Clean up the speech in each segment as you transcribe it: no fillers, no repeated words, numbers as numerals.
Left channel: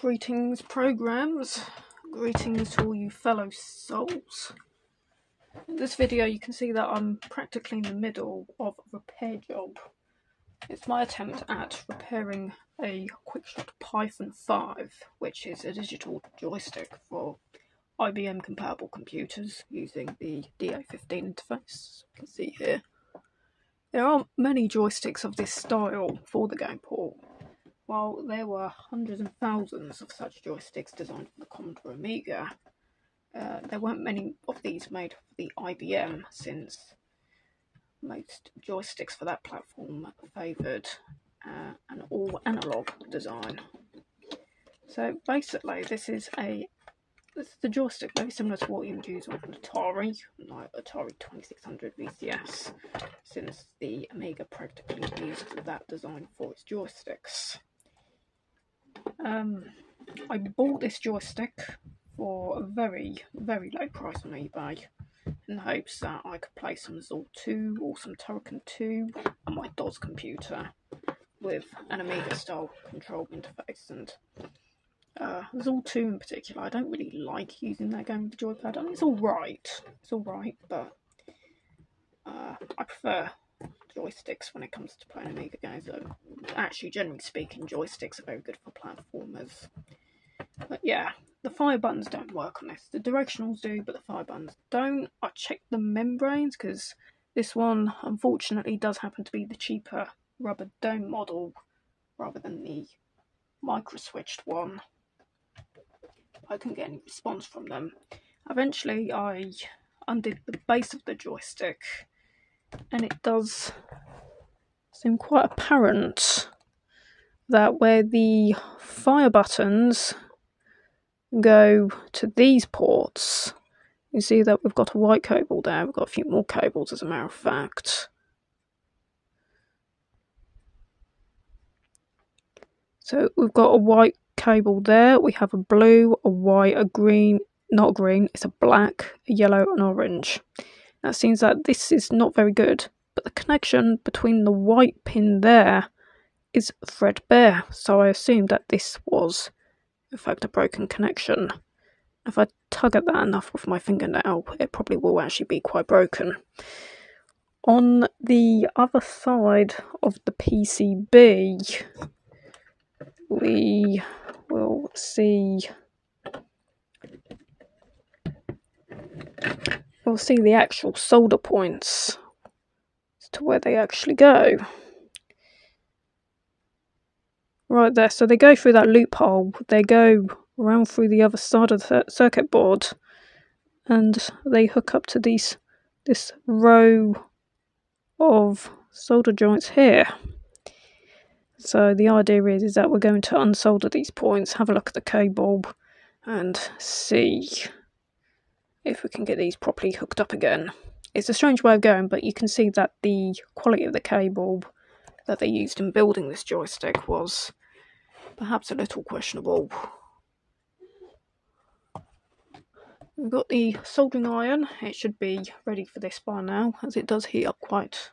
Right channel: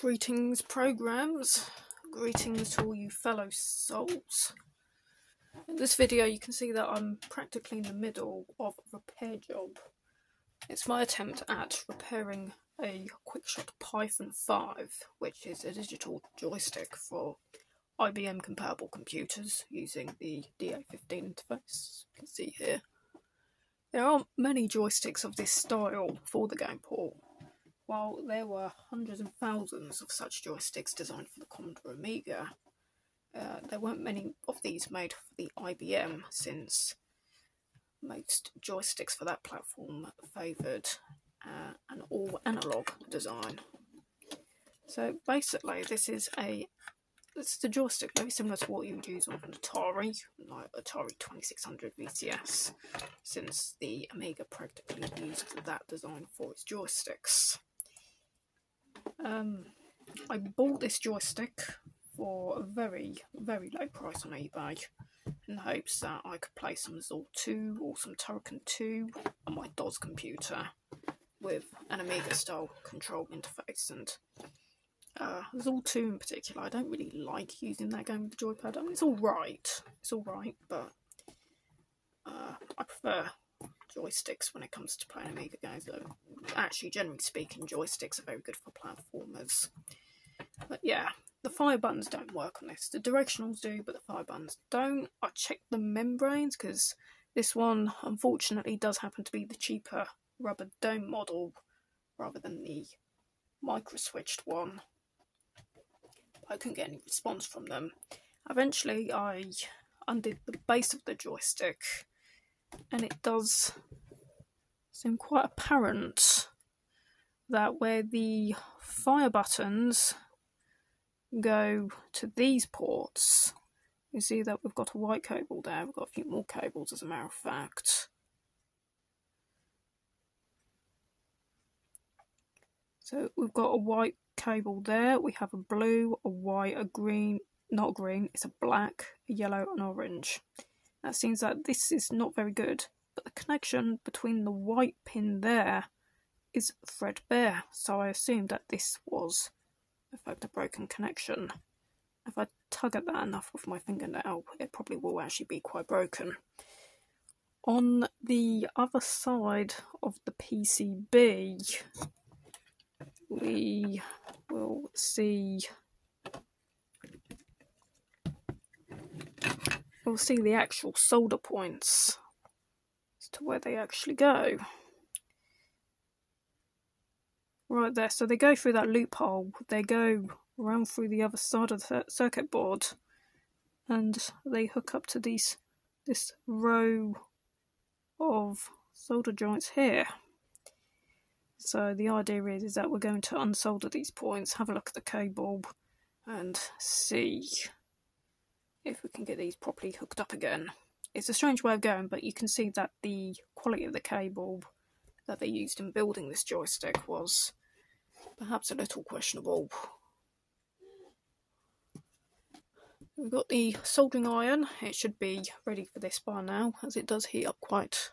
Greetings, programs. Greetings to all you fellow souls. In this video you can see that I'm practically in the middle of a repair job. It's my attempt at repairing a Quickshot Python 5, which is a digital joystick for IBM compatible computers using the DA15 interface. You can see here. There aren't many joysticks of this style for the game port. While there were hundreds and thousands of such joysticks designed for the Commodore Amiga, there weren't many of these made for the IBM, since most joysticks for that platform favoured an all-analog design. So basically this is a joystick very similar to what you would use on an Atari, like Atari 2600 VCS, since the Amiga practically used that design for its joysticks. I bought this joystick for a very, very low price on eBay in the hopes that I could play some Zol 2 or some Turrican 2 on my DOS computer with an Amiga style control interface. And Zol 2 in particular, I don't really like using that game with the joypad. I mean, it's alright, but I prefer joysticks when it comes to playing Amiga games. Actually, generally speaking, joysticks are very good for platformers. But yeah, the fire buttons don't work on this. The directionals do, but the fire buttons don't. I checked the membranes because this one, unfortunately, does happen to be the cheaper rubber dome model rather than the micro-switched one. I couldn't get any response from them. Eventually, I undid the base of the joystick, and it does seem quite apparent that where the fire buttons go to these ports, you see that we've got a white cable there. We've got a few more cables, as a matter of fact. So we've got a white cable there. We have a blue, a white, a green, not green, it's a black, a yellow, and orange. Now it seems that this is not very good, but the connection between the white pin there is threadbare, so I assumed that this was in fact a broken connection. If I tug at that enough with my fingernail, it probably will actually be quite broken. On the other side of the PCB, we will see the actual solder points as to where they actually go. Right there, so they go through that loophole, they go around through the other side of the circuit board, and they hook up to this row of solder joints here. So the idea is that we're going to unsolder these points, have a look at the cable, and see if we can get these properly hooked up again. It's a strange way of going, but you can see that the quality of the cable that they used in building this joystick was perhaps a little questionable. We've got the soldering iron. It should be ready for this by now, as it does heat up quite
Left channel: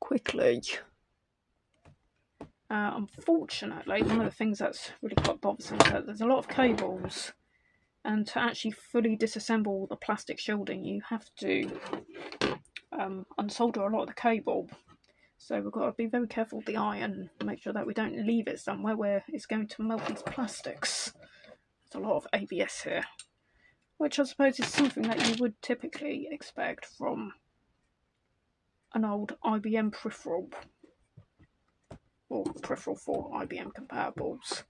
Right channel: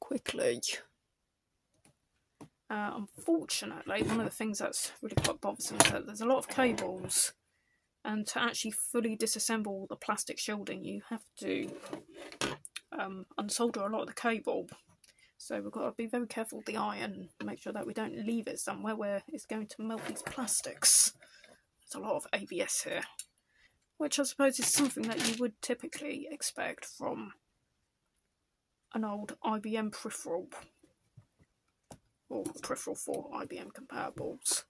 quickly. Unfortunately, one of the things that's really quite bothersome is that there's a lot of cables, and to actually fully disassemble the plastic shielding you have to unsolder a lot of the cable. So we've got to be very careful with the iron and make sure that we don't leave it somewhere where it's going to melt these plastics. There's a lot of ABS here, which I suppose is something that you would typically expect from an old IBM peripheral, or peripheral for IBM compatibles.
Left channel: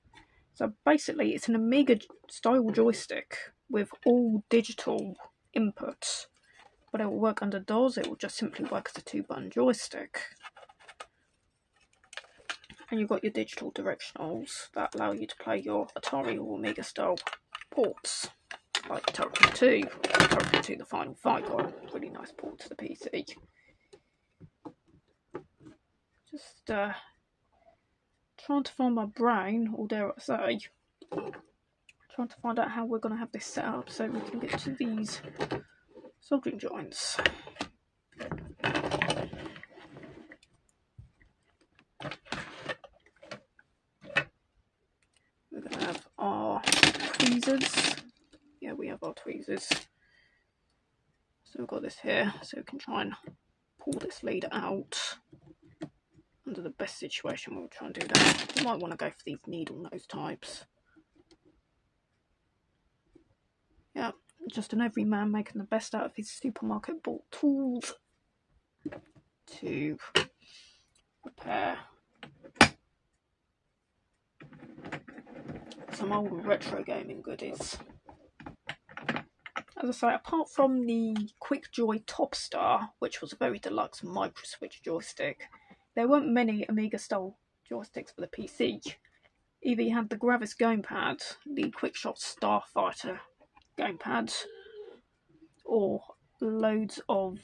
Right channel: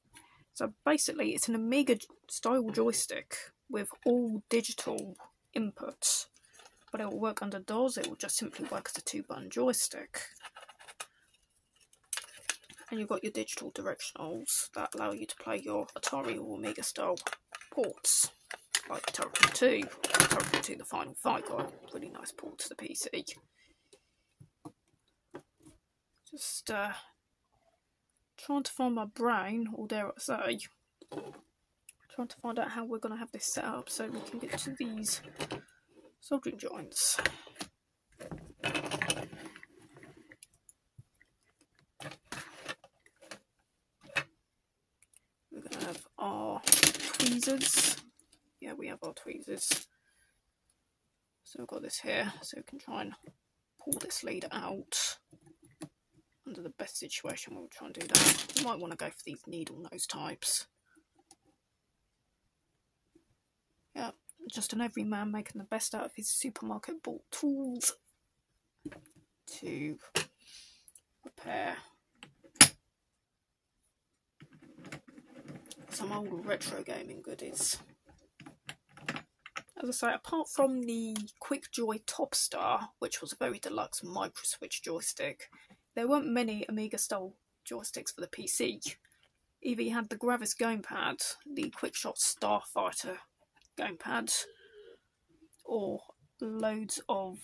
So basically it's an Amiga style joystick with all digital inputs, but it will work under DOS. It will just simply work as a 2-button joystick. And you've got your digital directionals that allow you to play your Atari or Amiga style ports, like Turrican 2. Turrican 2 the Final Fight got a really nice port to the PC. Just trying to find my brain, or dare I say, trying to find out how we're going to have this set up so we can get to these soldering joints. tweezers. Yeah, we have our tweezers. So we've got this here, so we can try and pull this lead out. Under the best situation, we'll try and do that. You might want to go for these needle nose types. Yeah, just an everyman making the best out of his supermarket bought tools to repair some old retro gaming goodies. As I say, apart from the QuickJoy Topstar, which was a very deluxe micro-switch joystick, there weren't many Amiga-style joysticks for the PC. Either you had the Gravis gamepad, the Quickshot Starfighter gamepad, or loads of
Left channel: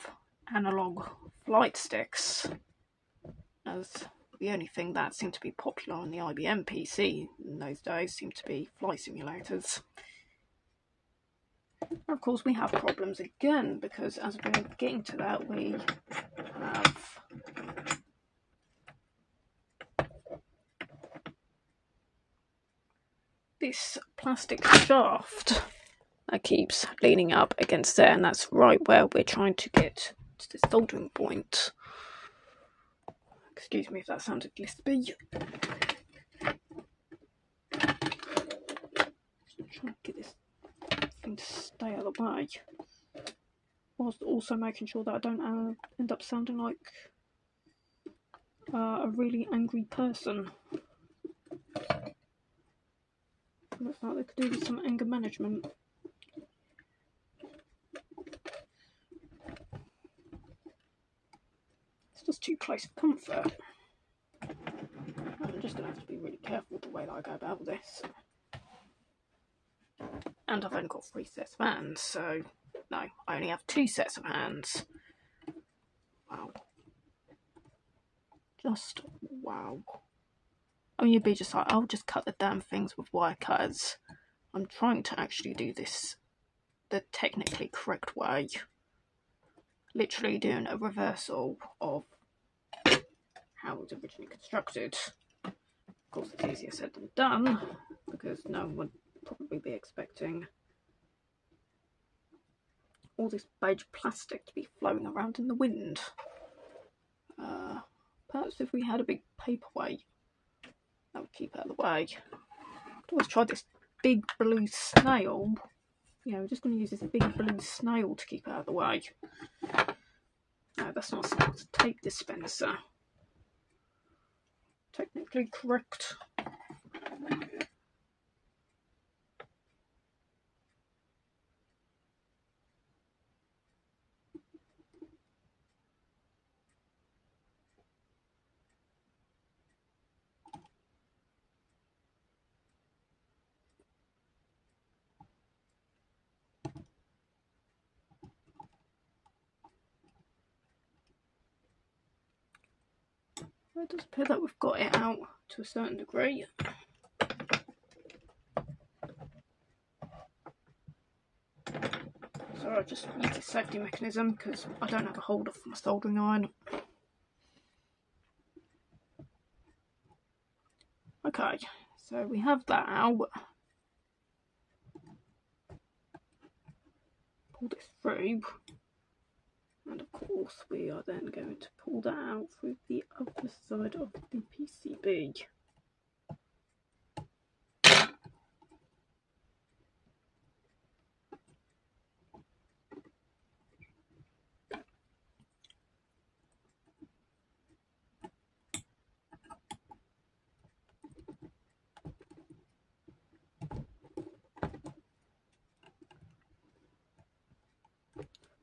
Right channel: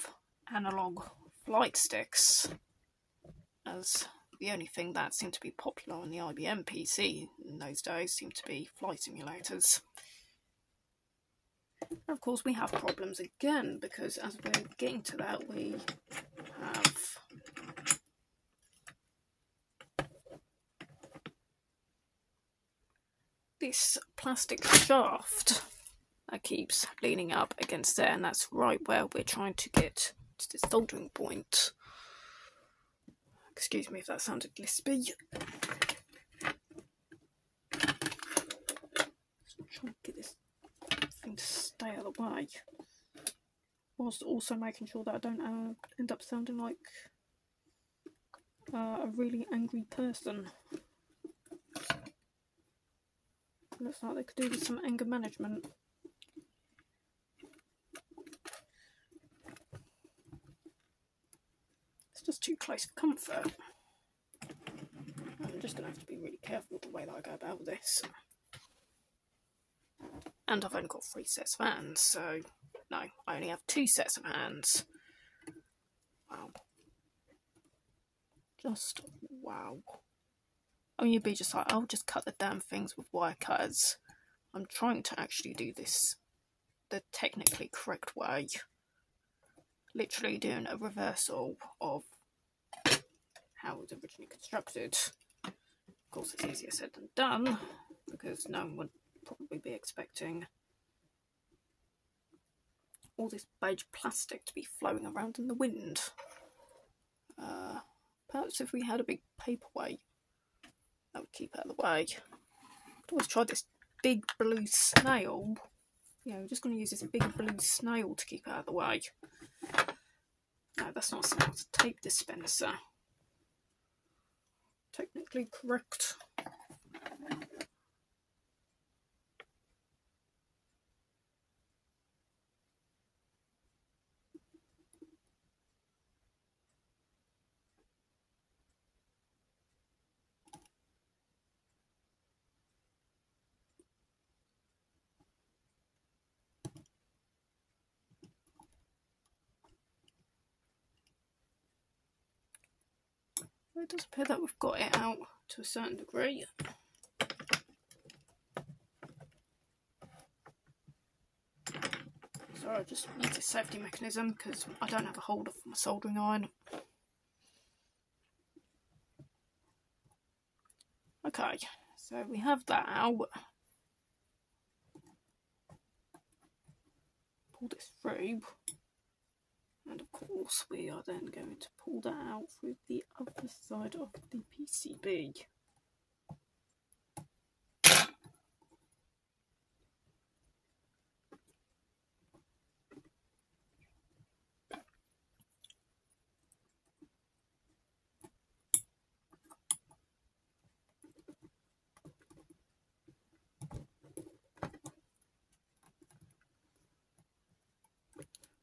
analog flight sticks, as the only thing that seemed to be popular on the IBM PC in those days seemed to be flight simulators. And of course we have problems again, because as we're getting to that, we have this plastic shaft that keeps leaning up against there, and that's right where we're trying to get to this soldering point. Excuse me if that sounded lispy. Just trying to get this thing to stay out of the way, whilst also making sure that I don't end up sounding like a really angry person. Looks like they could do with some anger management. It's just too close for comfort. I'm just going to have to be really careful with the way that I go about this. And I've only got 3 sets of hands, so no, I only have 2 sets of hands. Wow. Just wow. I mean, you'd be just like, I'll just cut the damn things with wire cutters. I'm trying to actually do this the technically correct way. Literally doing a reversal of how it was originally constructed. Of course, it's easier said than done, because no one would probably be expecting all this beige plastic to be flowing around in the wind. Perhaps if we had a big paperweight, that would keep out of the way. I've always tried this big blue snail. Yeah, we're just going to use this big blue snail to keep out of the way. No, that's not a snail, it's a tape dispenser. Technically correct. It does appear that we've got it out to a certain degree. So I just use a safety mechanism because I don't have a holder for my soldering iron. Okay, so we have that out. Pull this through. And of course we are then going to pull that out through the other side of the PCB.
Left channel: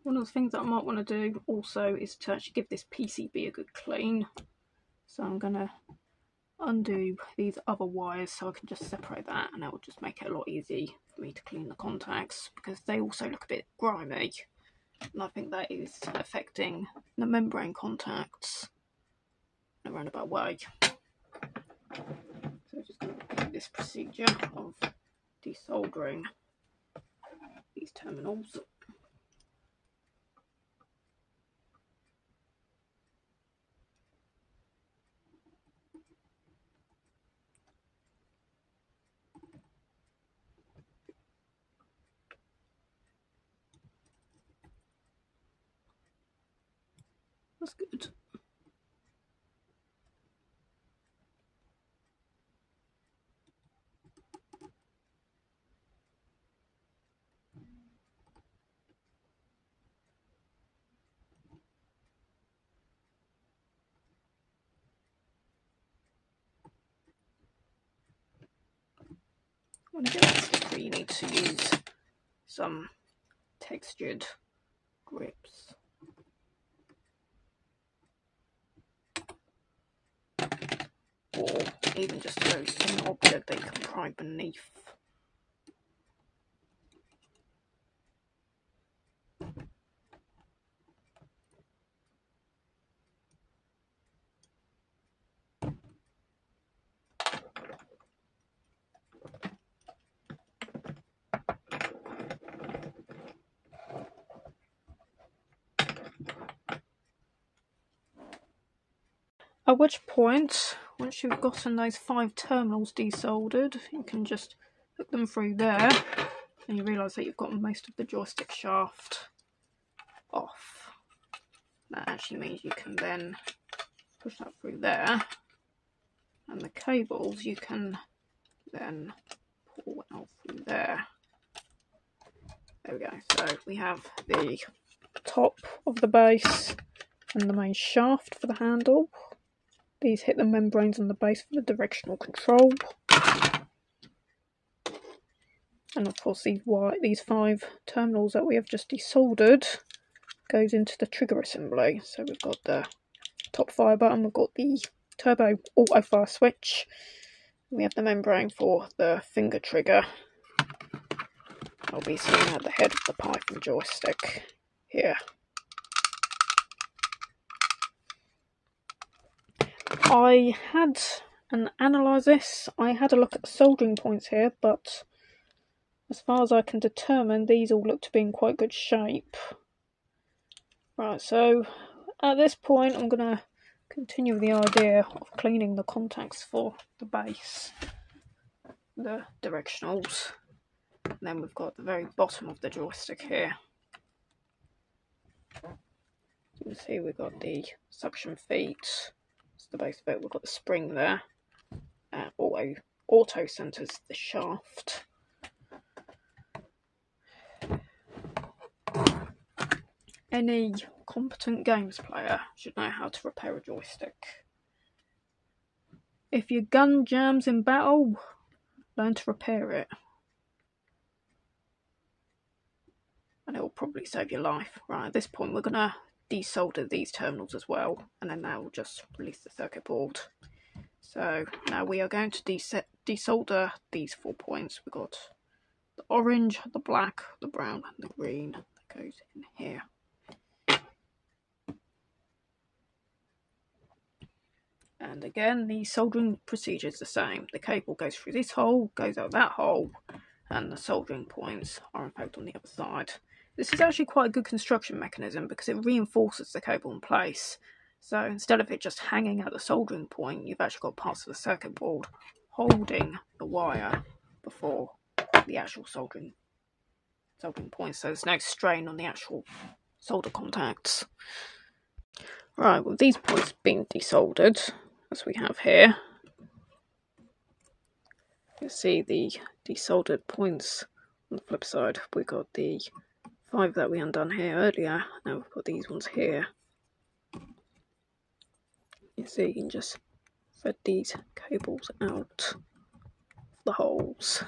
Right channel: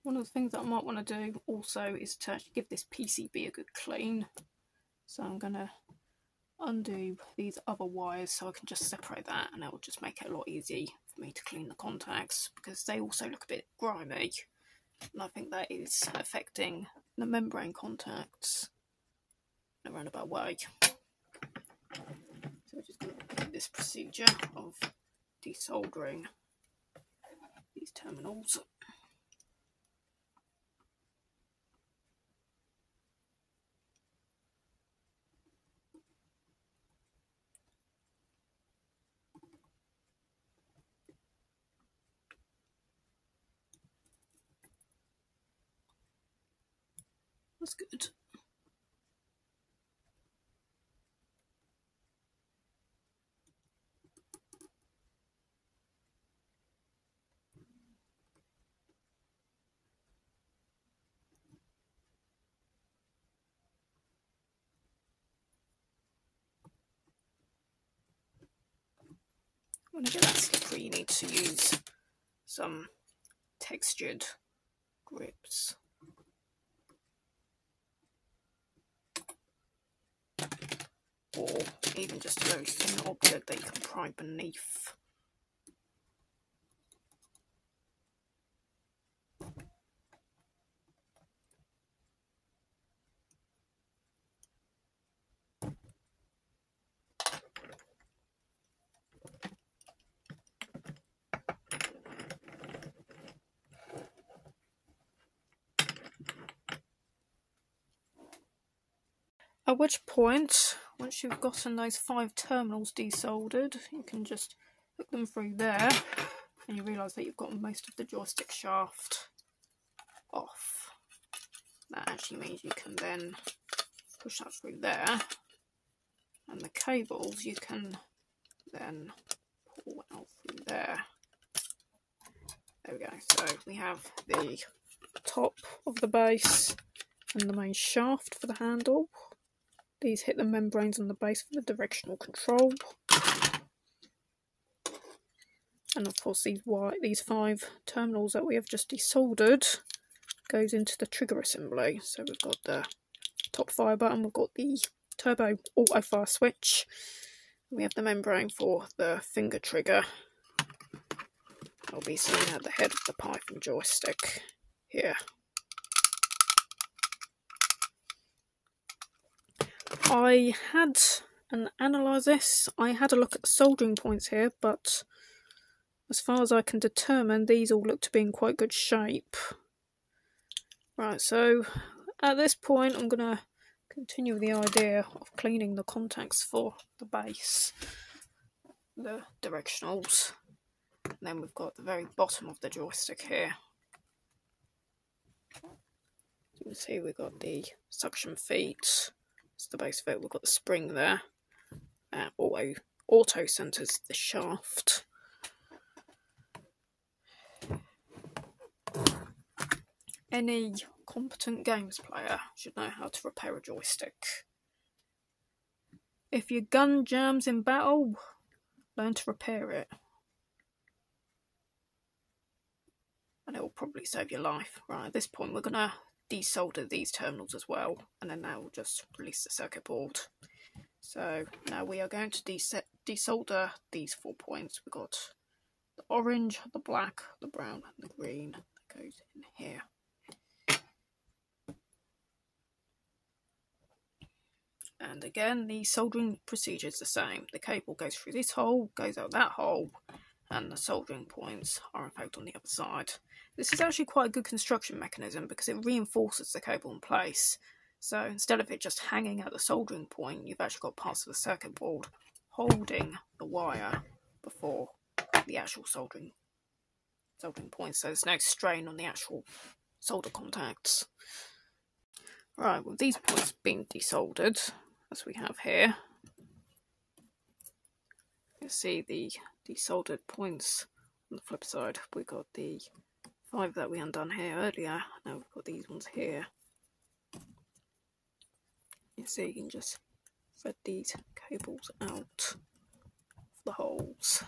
One of the things that I might want to do also is to actually give this PCB a good clean. So I'm going to undo these other wires so I can just separate that, and that will just make it a lot easier for me to clean the contacts, because they also look a bit grimy, and I think that is affecting the membrane contacts in a roundabout way. So I'm just going to repeat this procedure of desoldering these terminals. That's good. When I get that slippery, you need to use some textured grips. Or even just a very thin object that you can pry beneath. At which point, once you've gotten those 5 terminals desoldered, you can just hook them through there, and you realise that you've got most of the joystick shaft off. That actually means you can then push that through there, and the cables you can then pull out through there. There we go. So we have the top of the base and the main shaft for the handle. These hit the membranes on the base for the directional control. And of course these 5 terminals that we have just desoldered goes into the trigger assembly. So we've got the top fire button, we've got the turbo auto fire switch, we have the membrane for the finger trigger. I'll be sitting at the head of the Python joystick here. I had analyse this. I had a look at the soldering points here, but as far as I can determine, these all look to be in quite good shape. Right, so at this point I'm going to continue with the idea of cleaning the contacts for the base, the directionals, and then we've got the very bottom of the joystick here. You can see we've got the suction feet. It's the base of it. We've got the spring there. Auto centers the shaft. Any competent games player should know how to repair a joystick. If your gun jams in battle, learn to repair it. And it will probably save your life. Right, at this point we're going to desolder these terminals as well, and then that will just release the circuit board. So now we are going to desolder these 4 points. We've got the orange, the black, the brown and the green that goes in here. And again, the soldering procedure is the same. The cable goes through this hole, goes out that hole, and the soldering points are in fact on the other side. This is actually quite a good construction mechanism because it reinforces the cable in place. So instead of it just hanging at the soldering point, you've actually got parts of the circuit board holding the wire before the actual soldering point. So there's no strain on the actual solder contacts. Right, with these points being desoldered, as we have here, you see the desoldered points on the flip side. We've got the 5 that we undone here earlier. Now we've got these ones here. You see, you can just thread these cables out of the holes.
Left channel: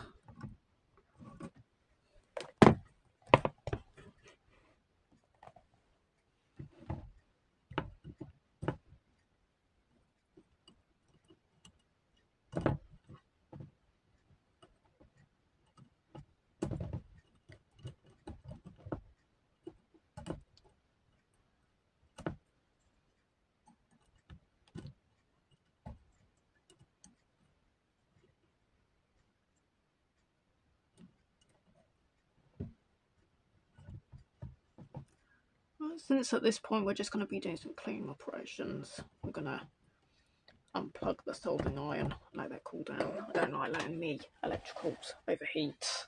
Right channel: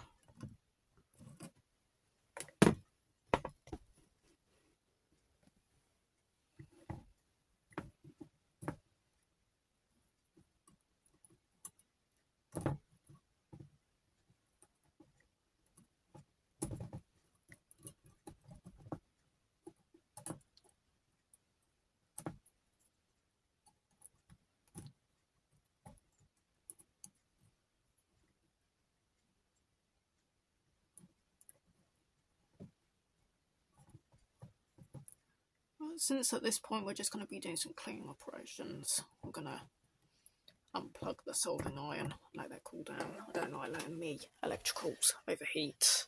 Since at this point we're just going to be doing some cleaning operations, I'm going to unplug the soldering iron, let that cool down. I don't like letting the electricals overheat.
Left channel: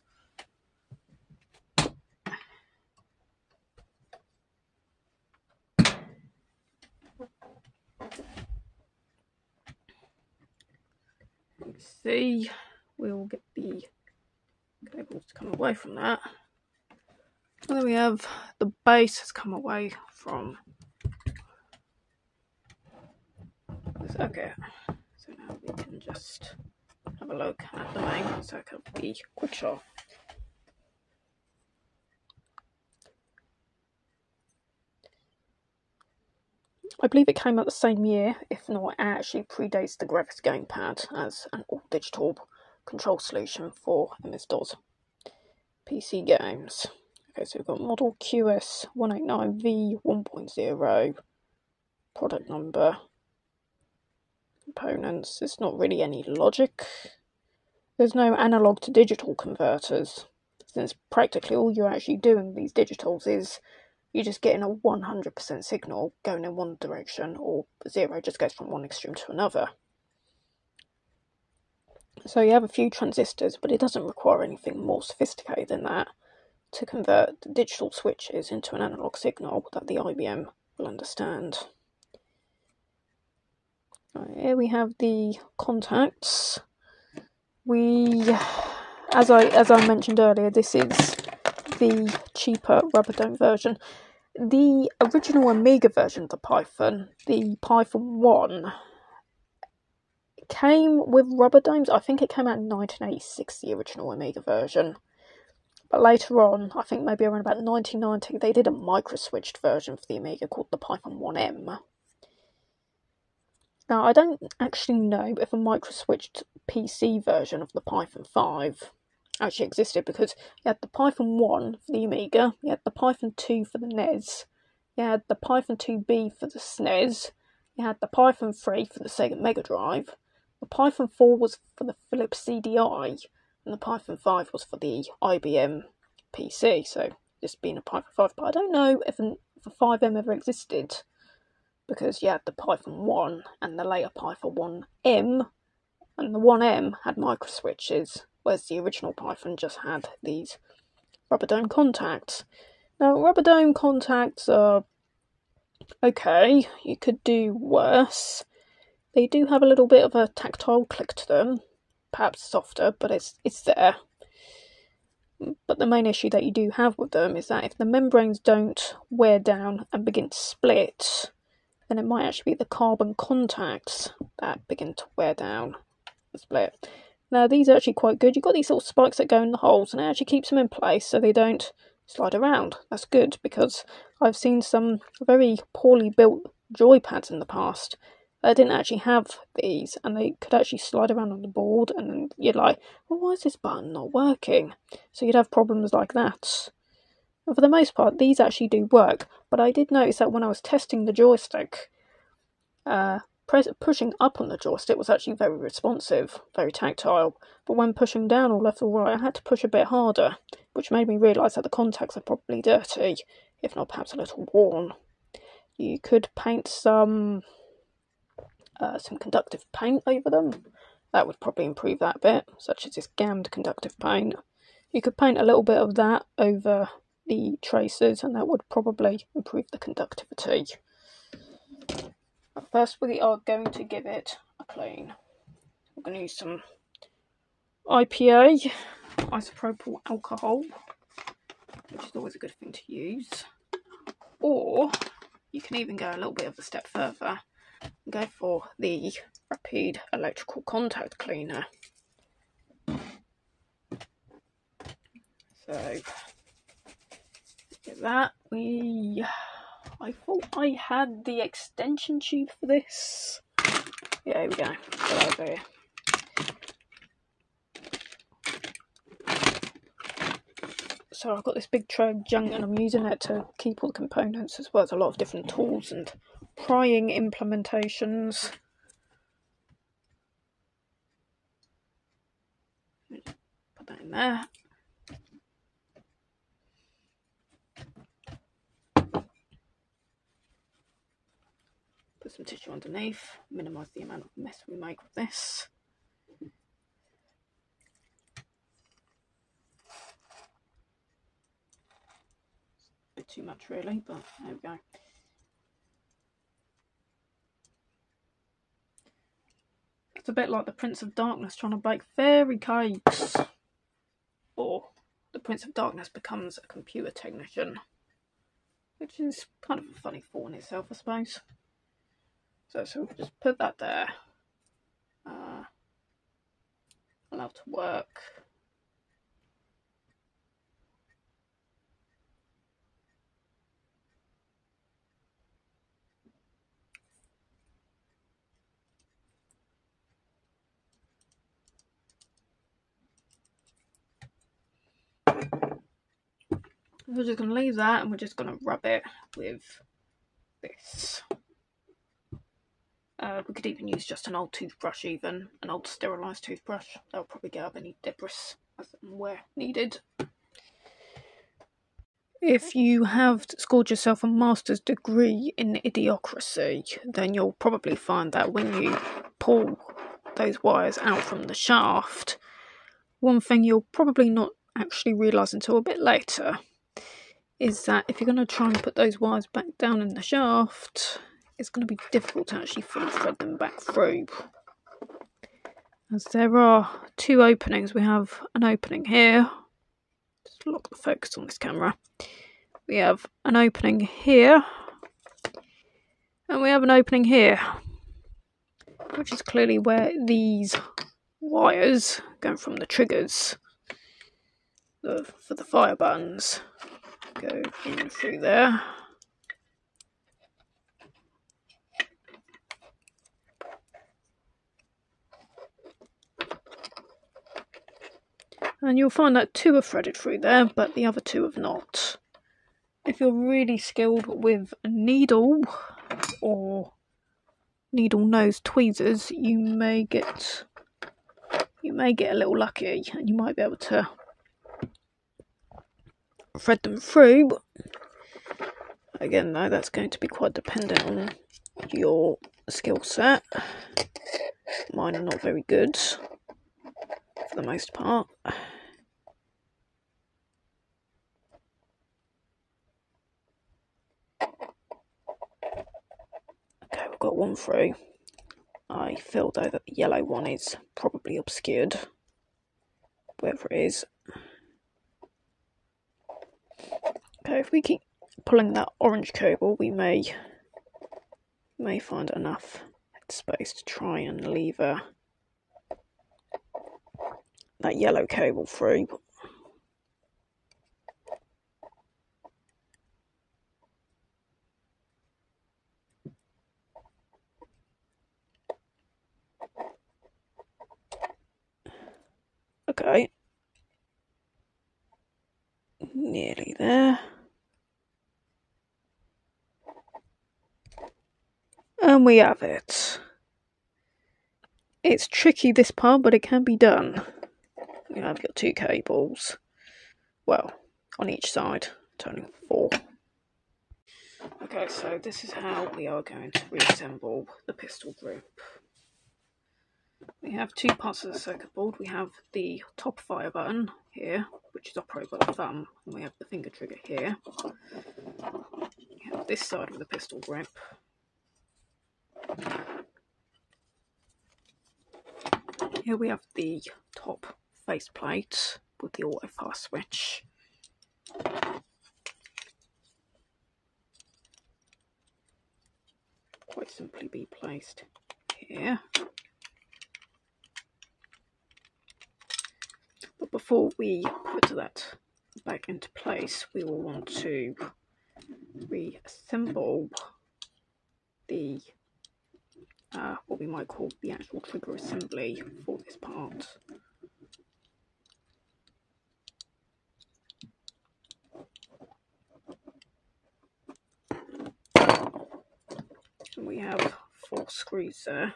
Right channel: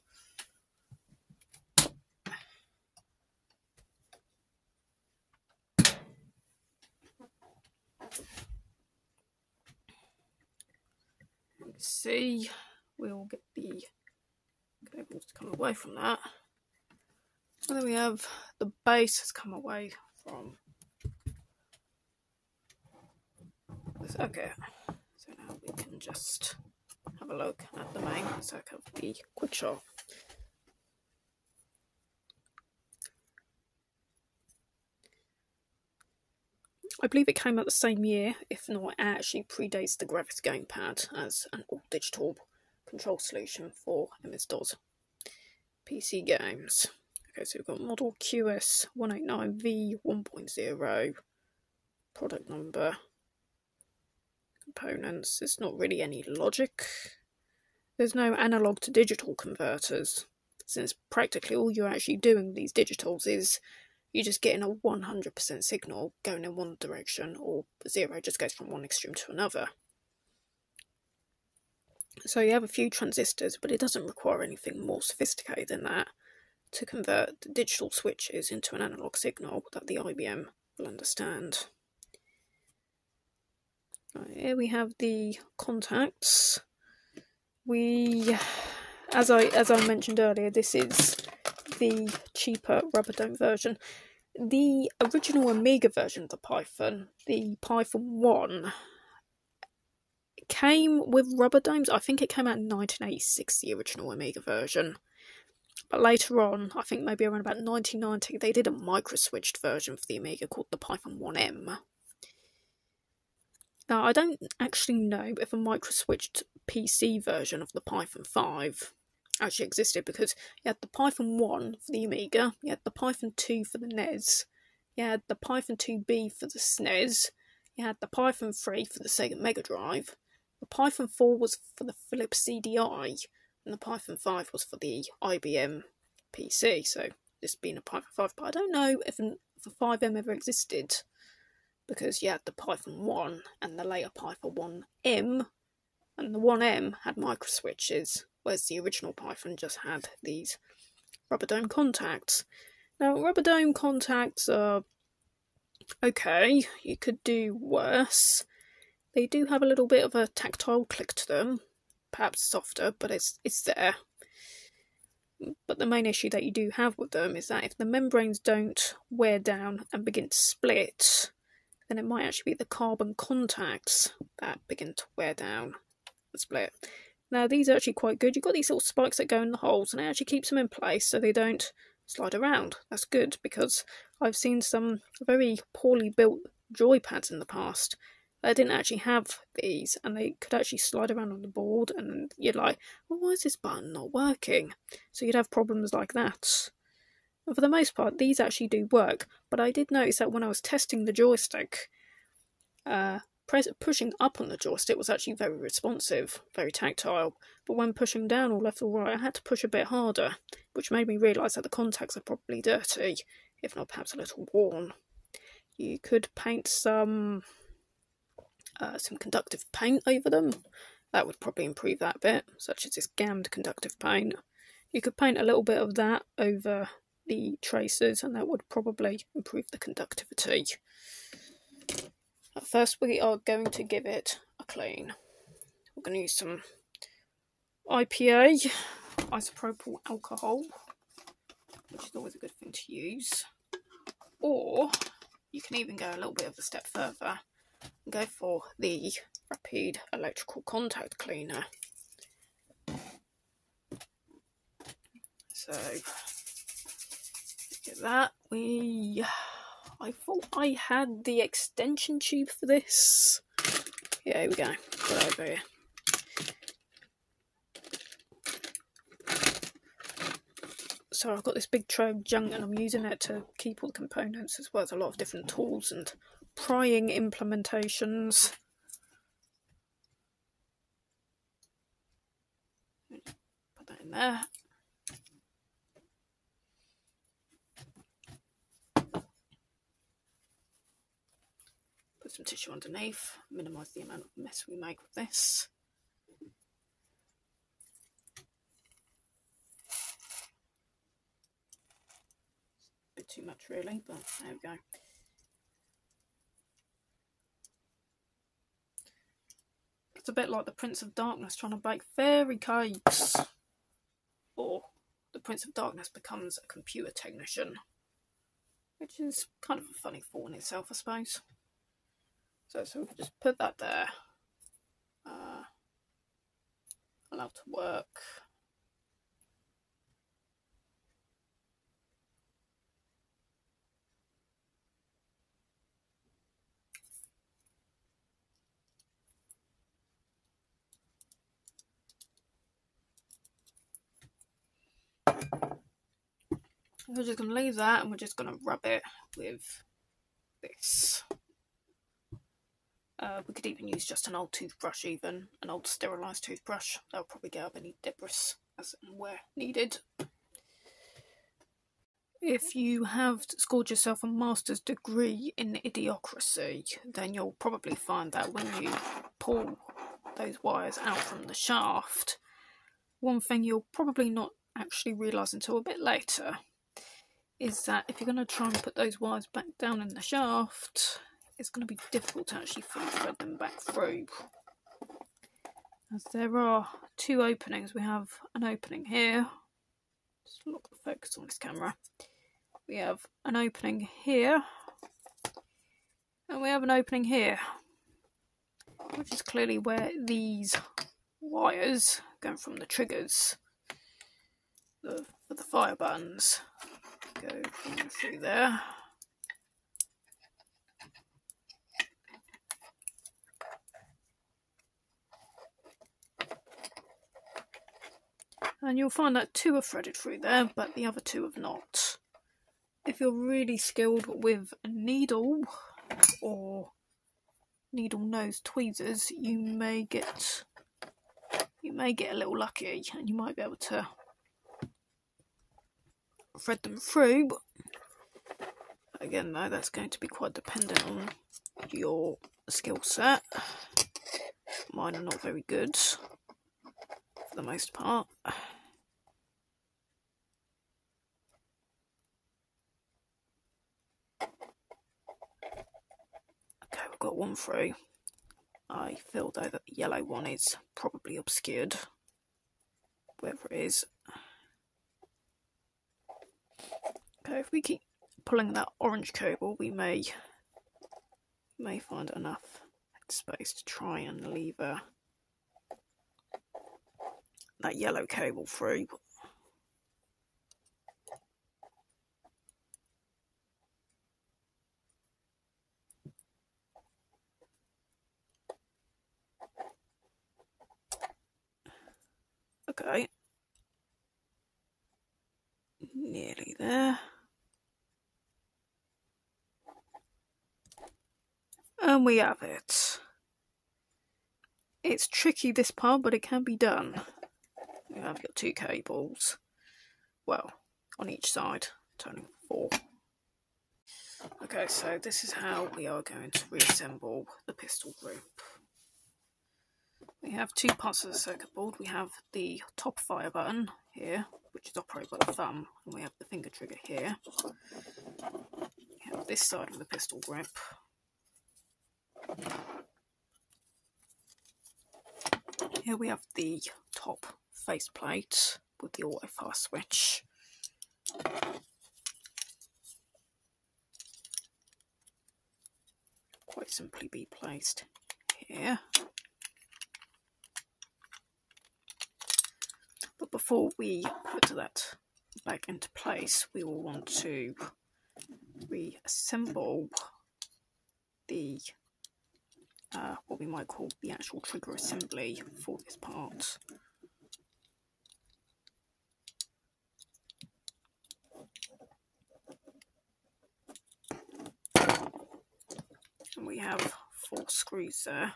see, we'll get the cables to come away from that. So there we have the base has come away from this. Okay, so now we can just have a look at the main stack of the Quickshot. I believe it came out the same year, if not, it actually predates the graphics gamepad as an all-digital control solution for MS-DOS PC games. Okay, so we've got model QS189V 1.0, product number, components. It's not really any logic. There's no analog to digital converters, since practically all you're actually doing with these digitals is you're just getting a 100% signal going in one direction, or 0 just goes from one extreme to another. So you have a few transistors, but it doesn't require anything more sophisticated than that to convert the digital switches into an analog signal that the IBM will understand. Here we have the contacts. As I mentioned earlier, this is the cheaper rubber dome version. The original Amiga version of the Python, the Python 1, came with rubber domes. I think it came out in 1986, the original Amiga version. But later on, I think maybe around about 1990, they did a micro-switched version for the Amiga called the Python 1M. Now, I don't actually know if a micro-switched PC version of the Python 5 actually existed, because you had the Python 1 for the Amiga, you had the Python 2 for the NES, you had the Python 2B for the SNES, you had the Python 3 for the Sega Mega Drive, the Python 4 was for the Philips CDI, and the Python 5 was for the IBM PC, so this being a Python 5, but I don't know if a 5M ever existed, because you had the Python 1 and the later Python 1M, and the 1M had micro switches, whereas the original Python just had these rubber dome contacts. Now, rubber dome contacts are okay, you could do worse. They do have a little bit of a tactile click to them, perhaps softer, but it's there. But the main issue that you do have with them is that if the membranes don't wear down and begin to split, then it might actually be the carbon contacts that begin to wear down and split. Now, these are actually quite good. You've got these little spikes that go in the holes, and it actually keeps them in place so they don't slide around. That's good, because I've seen some very poorly built joypads in the past that didn't actually have these, and they could actually slide around on the board, and then you're like, well, why is this button not working? So you'd have problems like that. And for the most part, these actually do work, but I did notice that when I was testing the joystick, pushing up on the joystick was actually very responsive, very tactile, but when pushing down or left or right, I had to push a bit harder, which made me realise that the contacts are probably dirty, if not perhaps a little worn. You could paint some conductive paint over them. That would probably improve that bit, such as this gammed conductive paint. You could paint a little bit of that over the traces, and that would probably improve the conductivity. At first, we are going to give it a clean. We're going to use some IPA, isopropyl alcohol, which is always a good thing to use. Or you can even go a little bit of a step further and go for the rapid electrical contact cleaner. So, get that. I thought I had the extension tube for this. Yeah, here we go. Put that over here. So I've got this big tray of junk, and I'm using it to keep all the components, as well as a lot of different tools and prying implementations. Put that in there. Put some tissue underneath, minimise the amount of mess we make with this. A bit too much really, but there we go. It's a bit like the Prince of Darkness trying to bake fairy cakes. Or the Prince of Darkness becomes a computer technician. Which is kind of a funny thought in itself, I suppose. So we'll just put that there. Allow to work. We're just going to leave that and we're just going to rub it with this. We could even use just an old toothbrush, even an old sterilised toothbrush. That'll probably get up any debris as and where needed. If you have scored yourself a master's degree in idiocracy, then you'll probably find that when you pull those wires out from the shaft, one thing you'll probably not actually realise until a bit later is that if you're going to try and put those wires back down in the shaft, it's going to be difficult to actually fully thread them back through. As there are two openings. We have an opening here. Just lock the focus on this camera. We have an opening here. And we have an opening here. Which is clearly where these wires going from the triggers for the fire buttons go in through there. And you'll find that two are threaded through there, but the other two have not. If you're really skilled with a needle or needle nose tweezers, you may get a little lucky and you might be able to thread them through. Again though, that's going to be quite dependent on your skill set. Mine are not very good for the most part. Okay, we've got one through. I feel though that the yellow one is probably obscured, wherever it is. Okay, if we keep pulling that orange cable, we may find enough space to try and lever that yellow cable through. Okay, nearly there. And we have it. It's tricky this part, but it can be done. You have your two cables, well, on each side, totaling 4. Okay, so this is how we are going to reassemble the pistol group. We have two parts of the circuit board. We have the top fire button here, which is operated by the thumb, and we have the finger trigger here. We have this side of the pistol grip. Here we have the top faceplate with the auto fast switch. Quite simply be placed here. But before we put that back into place, we will want to reassemble the what we might call the actual trigger assembly for this part. And we have 4 screws there.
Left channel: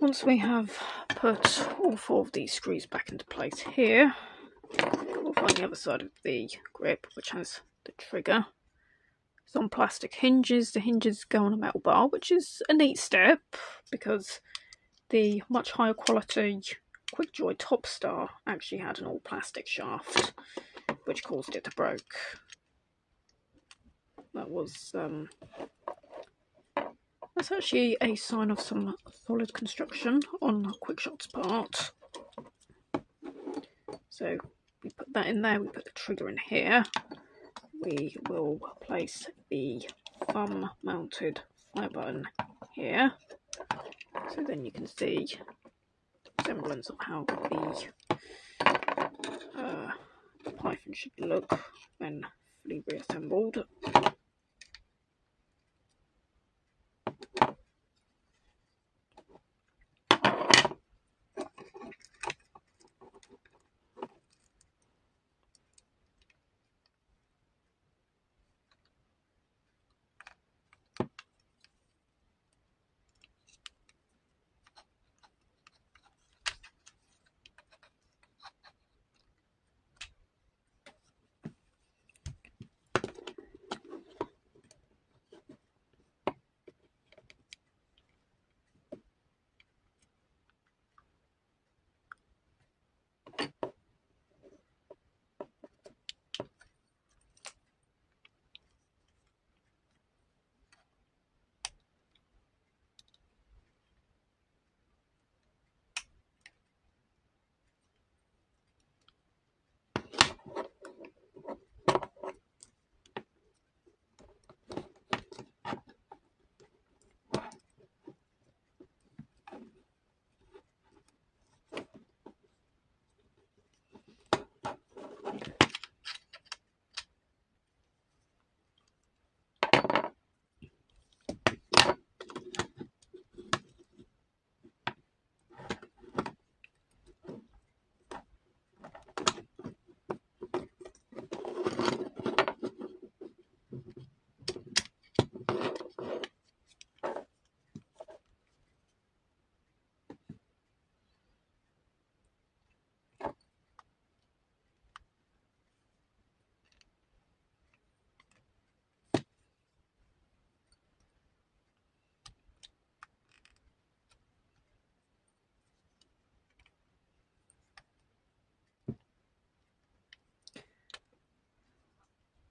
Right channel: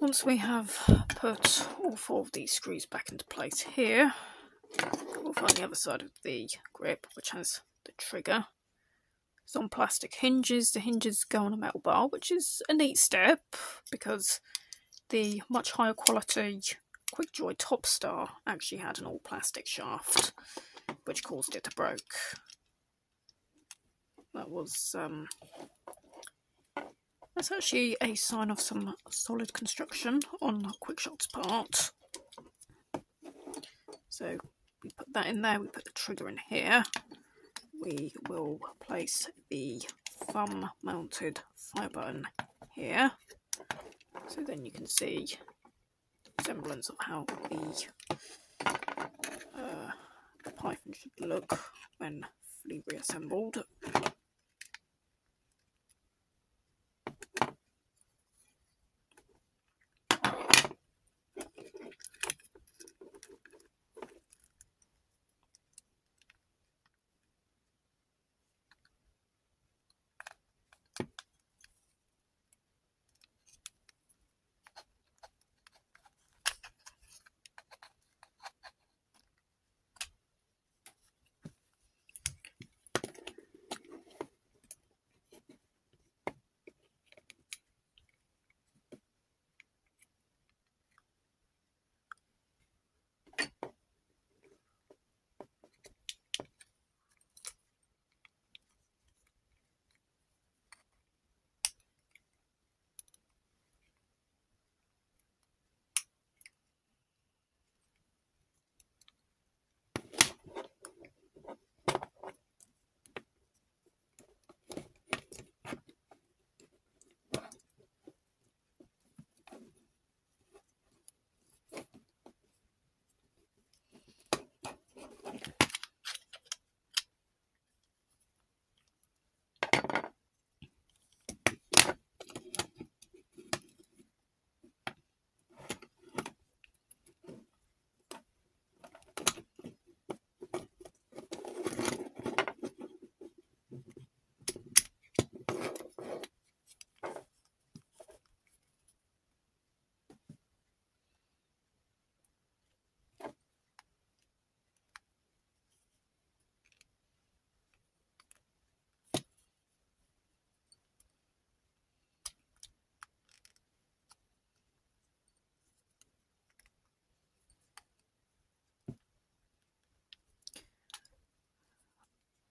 Once we have put all 4 of these screws back into place here, we'll find the other side of the grip, which has the trigger. some plastic hinges. The hinges go on a metal bar, which is a neat step because the much higher quality Quickjoy Top Star actually had an all plastic shaft, which caused it to break. That was that's actually a sign of some solid construction on Quickshot's part. So we put that in there, we put the trigger in here. We will place the thumb mounted fire button here. So then you can see the semblance of how the Python should look when fully reassembled.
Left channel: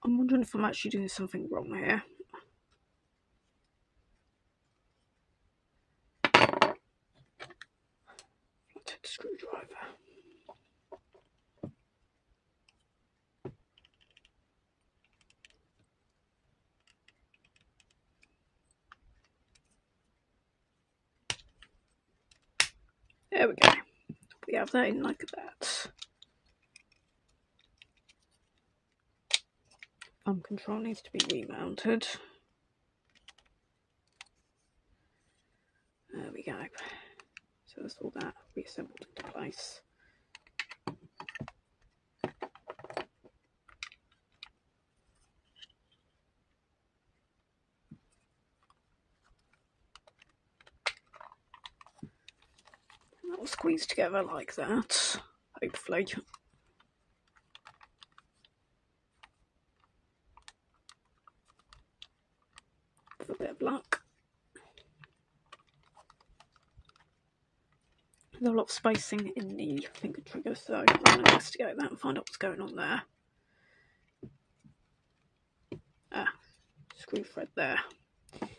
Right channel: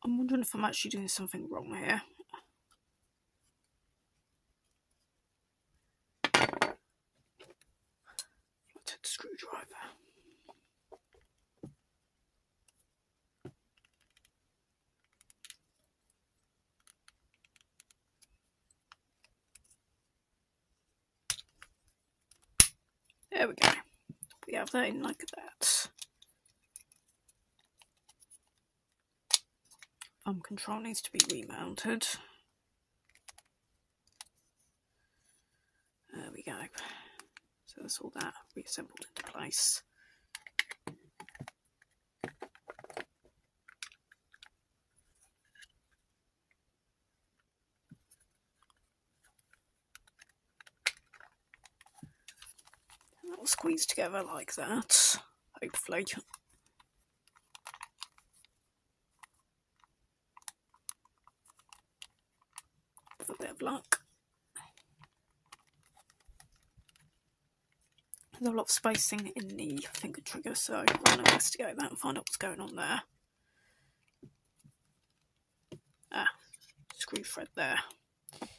I'm wondering if I'm actually doing something wrong here. Flathead screwdriver. There we go. We have that in like that. Control needs to be remounted. There we go. So that's all that reassembled into place. And that will squeeze together like that, hopefully. With a bit of luck. There's a lot of spacing in the finger trigger, so I'm going to investigate that and find out what's going on there. Screw thread there.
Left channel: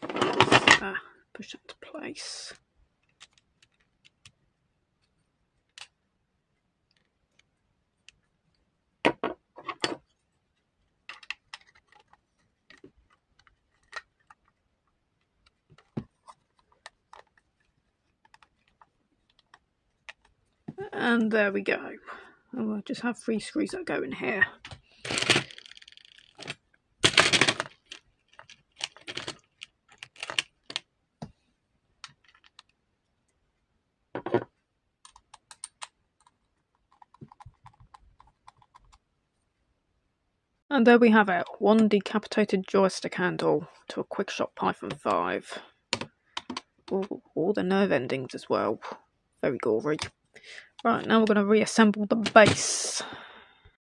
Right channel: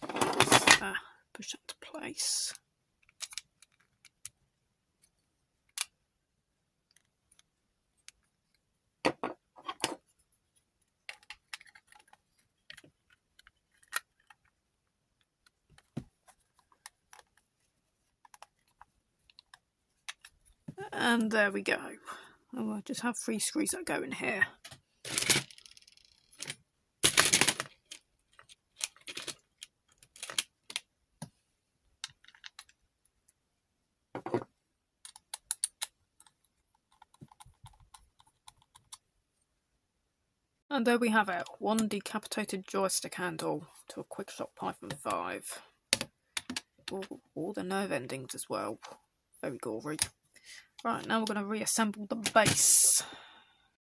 Let's, push that into place. And there we go. And we'll just have 3 screws that go in here. And there we have it, one decapitated joystick handle to a Quickshot Python 5. Ooh, all the nerve endings as well. Very gory. Right, now we're going to reassemble the base.